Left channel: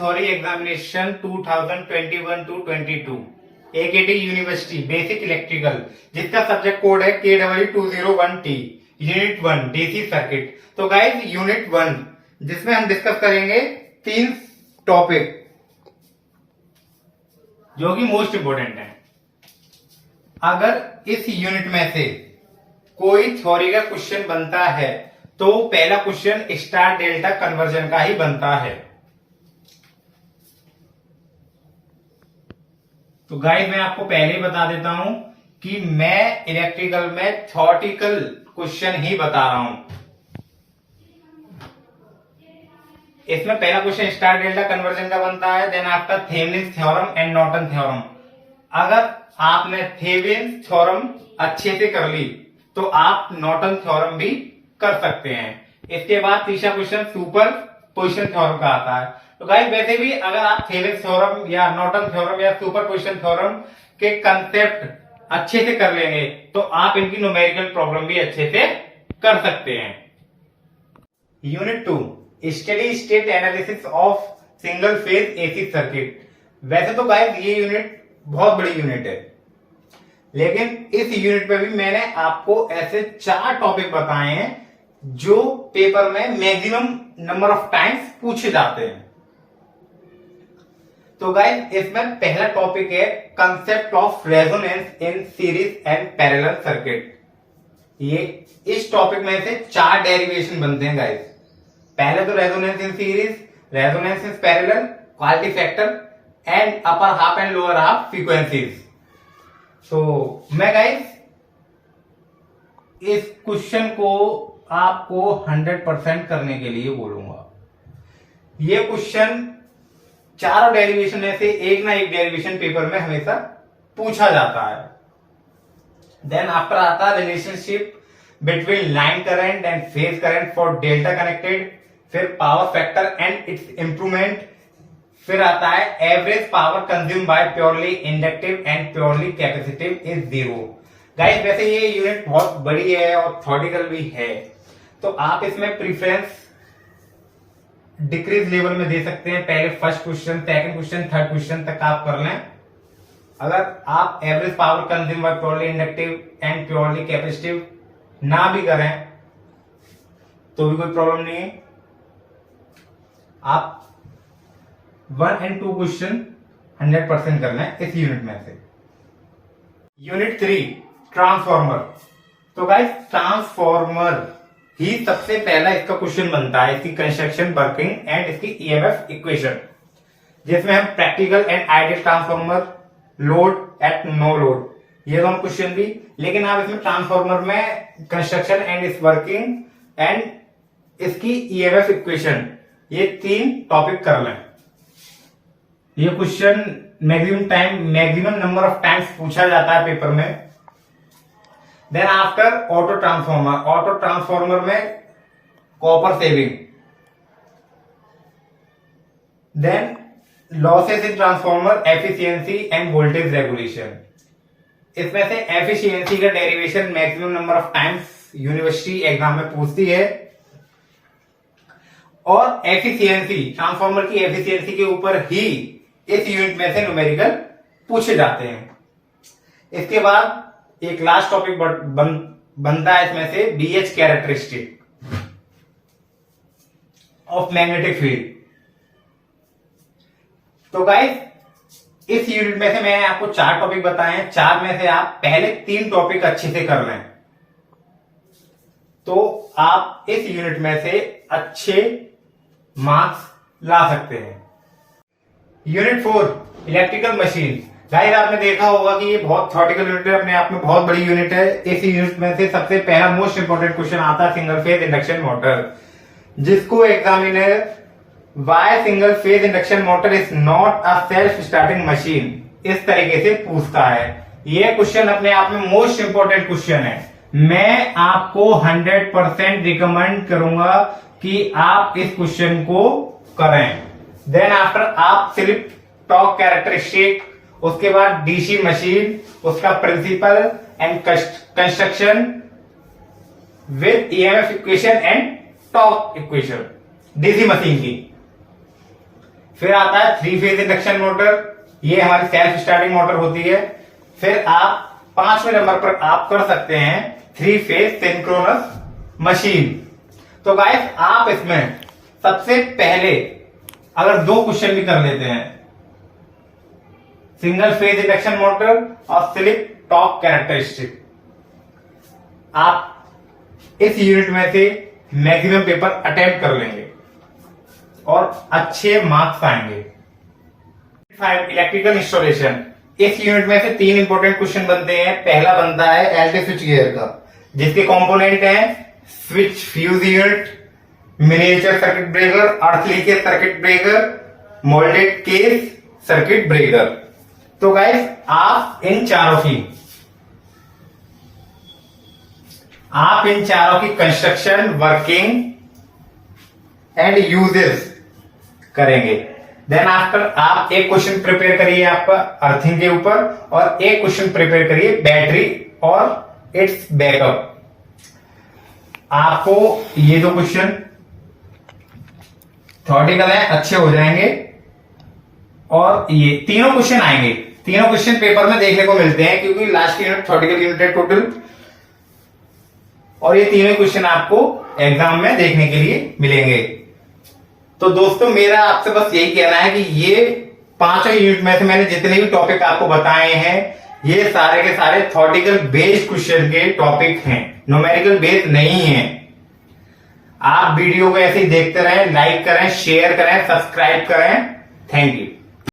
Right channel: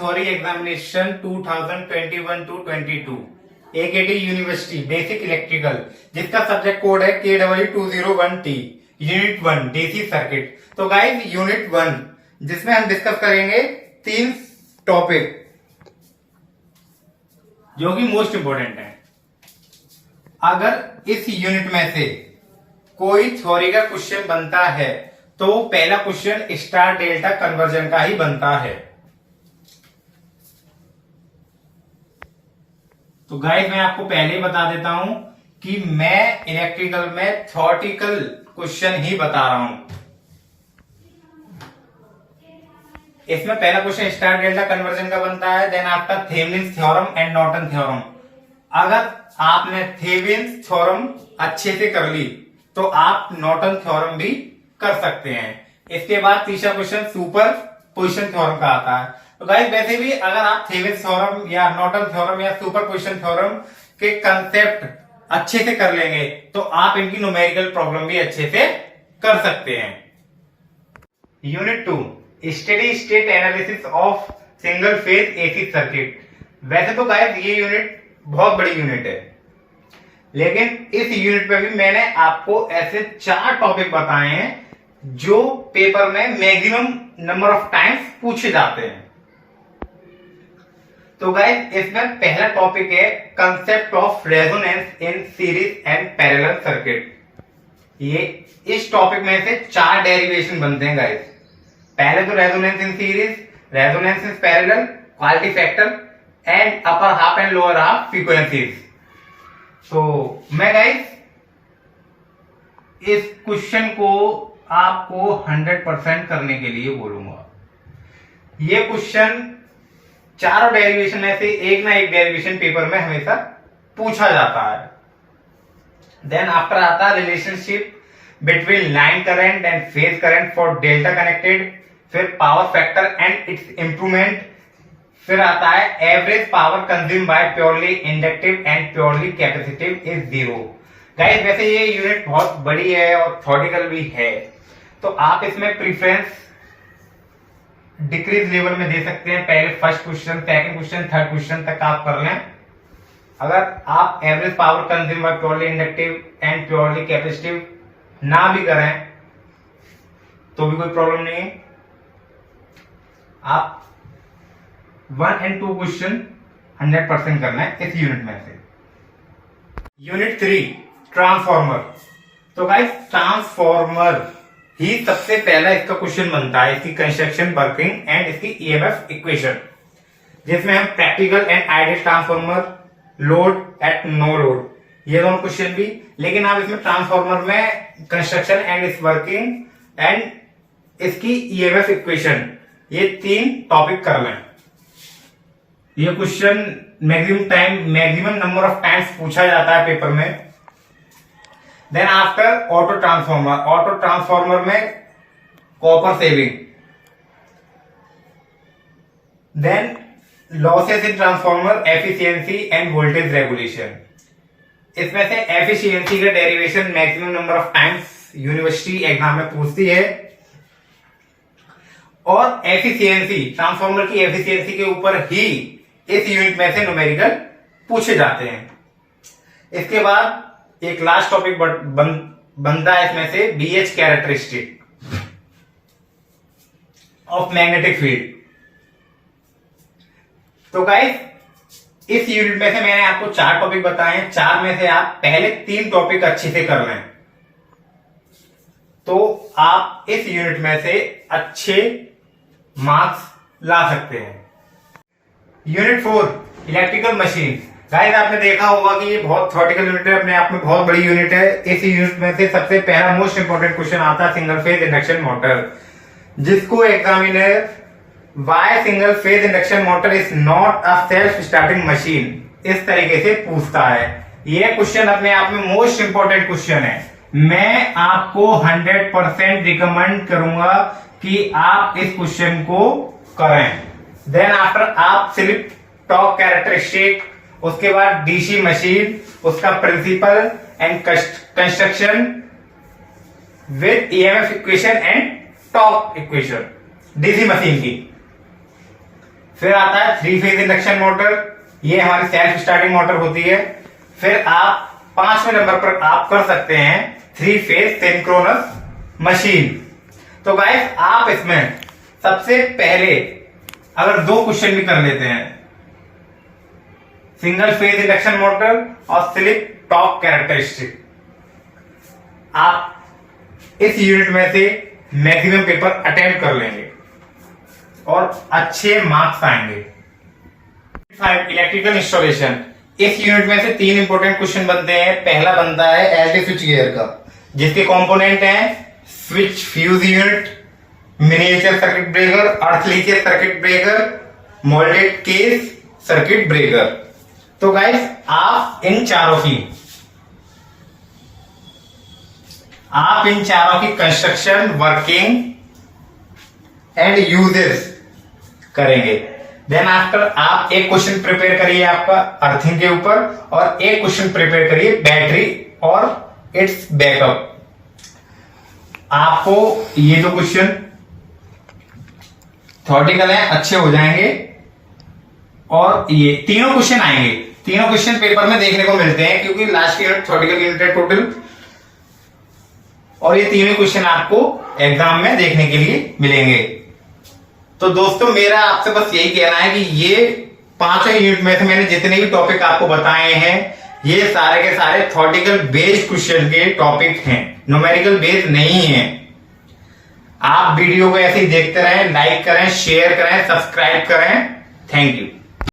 Theory examination 2021 to 22 AKT university basic electrical, जिसका subject code है KW201T, unit 1 DC circuit. तो guys unit 1 जिसमें हम डिस्कस करेंगे 3 टॉपिक जो कि मोस्ट इंपोर्टेंट है। अगर इस यूनिट में से कोई थ्योरी का क्वेश्चन बनता है तो पहला क्वेश्चन स्टार डेल्टा कन्वर्जन का ही बनता है। तो गाइस मैं आपको पहले ही बता देता हूं कि मैं इलेक्ट्रिकल में थ्योरेटिकल क्वेश्चन ही बता रहा हूं। इसमें पहला क्वेश्चन स्टार डेल्टा कन्वर्जन का बनता है, then after Thevenin's theorem and Norton theorem. अगर आपने थेवेनिन्स थ्योरम अच्छे से कर ली तो आप नॉर्टन थ्योरम भी कर सकते हैं। इसके बाद तीसरा क्वेश्चन सुपर पोजिशन थ्योरम का आता है। तो गाइस वैसे भी अगर आप थेवेनिन्स थ्योरम या नॉर्टन थ्योरम या सुपर पोजिशन थ्योरम के कंसेप्ट अच्छे से कर लेंगे तो आप इनकी न्यूमेरिकल प्रॉब्लम भी अच्छे से कर सकते हैं। Unit 2 steady state analysis of single phase AC circuit. वैसे तो गाइस ये यूनिट बहुत बड़ी यूनिट है, लेकिन इस यूनिट पे भी मैंने आपको ऐसे 4 टॉपिक बताए हैं जो पेपर में मैक्सिमम नंबर ऑफ टाइम्स पूछे जाते हैं। तो गाइस इसमें पहला टॉपिक है concept of resonance in series and parallel circuit. ये इस टॉपिक में से 4 डेरिवेशन बनते हैं गाइस। पहले तो resonance in series, resonance in parallel, quality factor and upper half and lower half frequencies. तो मैं गाइस इस क्वेश्चन को आपको 100% करने के लिए बोलूंगा। ये क्वेश्चन चारों डेरिवेशन में से एक ना एक डेरिवेशन पेपर में हमेशा पूछा जाता है। देन आफ्टर आता है relationship between line current and phase current for delta connected, फिर power factor and its improvement, फिर आता है average power consume by purely inductive and purely capacitive is 0। Guys वैसे ये यूनिट बहुत बड़ी है और थ्योरेटिकल भी है, तो आप इसमें प्रीफरेंस डिक्रीज लेवल में दे सकते हैं। पहले first question, second question, third question तक आप कर लें। अगर आप average power consume by purely inductive and purely capacitive ना भी करें तो भी कोई प्रॉब्लम नहीं है। आप 1 एंड 2 क्वेश्चन 100% करना है इस यूनिट में से। Unit 3 transformer. तो गाइस ट्रांसफॉर्मर ही सबसे पहला इसका क्वेश्चन बनता है, इसकी कंस्ट्रक्शन, वर्किंग एंड इसकी ईएमएफ इक्वेशन, जिसमें हम practical and ideal transformer, load at no load, ये दोनों क्वेश्चन भी। लेकिन आप इसमें ट्रांसफॉर्मर में कंस्ट्रक्शन एंड इस वर्किंग एंड इसकी ईएमएफ इक्वेशन, ये 3 टॉपिक कर लें। ये question maximum number of times पूछा जाता है पेपर में। Then after auto transformer, auto transformer में copper saving, then losses in transformer, efficiency and voltage regulation. इसमें से एफिशिएंसी का derivation maximum number of times university exam में पूछती है, और एफिशिएंसी, ट्रांसफॉर्मर की एफिशिएंसी के ऊपर ही इस यूनिट में से न्यूमेरिकल पूछे जाते हैं। इसके बाद एक लास्ट टॉपिक बनता है इसमें से BH characteristic of magnetic field. तो गाइस इस यूनिट में से मैंने आपको 4 टॉपिक बताए हैं। 4 में से आप पहले 3 टॉपिक अच्छे से कर लें तो आप इस यूनिट में से अच्छे मार्क्स ला सकते हैं। Unit 4 electrical machine. गाइस आपने देखा होगा कि ये बहुत थ्योरेटिकल यूनिट है, अपने आप में बहुत बड़ी यूनिट है। इस यूनिट में से सबसे पहला मोस्ट इंपोर्टेंट क्वेश्चन आता है सिंगल फेज इंडक्शन मोटर, जिसको examiner why single phase induction motor is not a self starting machine इस तरीके से पूछता है। ये क्वेश्चन अपने आप में मोस्ट इंपोर्टेंट क्वेश्चन है। मैं आपको 100% रिकमेंड करूंगा कि आप इस क्वेश्चन को करें। देन आफ्टर आप सिर्फ टॉर्क कैरेक्टरिस्टिक, उसके बाद डीसी मशीन, उसका principle and construction with EMF equation and torque equation DC machine की, फिर आता है 3 फेज इंडक्शन मोटर, ये हमारी सेल्फ स्टार्टिंग मोटर होती है। फिर आप 5वें नंबर पर आप कर सकते हैं 3 फेज सिंक्रोनस मशीन। तो गाइस आप इसमें सबसे पहले अगर 2 क्वेश्चन भी कर लेते हैं, सिंगल फेज इंडक्शन मोटर और स्लिप टॉर्क कैरेक्टरिस्टिक, आप इस यूनिट में से मैक्सिमम पेपर अटेम्प्ट कर लेंगे और अच्छे मार्क्स आएंगे। इलेक्ट्रिकल इंस्टॉलेशन, इस यूनिट में से 3 इंपॉर्टेंट क्वेश्चन बनते हैं। पहला बनता है एलटी स्विच गियर का, जिसके कंपोनेंट हैं switch fuse unit, miniature circuit breaker, अर्थ leakage circuit breaker, moulded case circuit breaker. तो गाइस आप इन चारों की कंस्ट्रक्शन, वर्किंग एंड यूजेस करेंगे। देन आफ्टर आप एक क्वेश्चन प्रिपेयर करिए आपका अर्थिंग के ऊपर और एक क्वेश्चन प्रिपेयर करिए बैटरी और इट्स बैकअप। आपको ये 2 क्वेश्चन थ्योरेटिकल हैं, अच्छे हो जाएंगे और ये तीनों क्वेश्चन आएंगे। तीनों क्वेश्चन पेपर में देखने को मिलते हैं क्योंकि लास्ट यूनिट थ्योरेटिकल यूनिट है टोटल, और ये तीनों क्वेश्चन आपको एग्जाम में देखने के लिए मिलेंगे। तो दोस्तों मेरा आपसे बस यही कहना है कि ये 5 यूनिट में से मैंने जितने भी टॉपिक आपको बताए हैं, ये सारे के सारे थ्योरेटिकल बेस्ड क्वेश्चन के टॉपिक हैं, न्यूमेरिकल बेस्ड नहीं है। आप वीडियो को ऐसे ही देखते रहें, लाइक करें, शेयर करें, सब्सक्राइब करें। Thank you.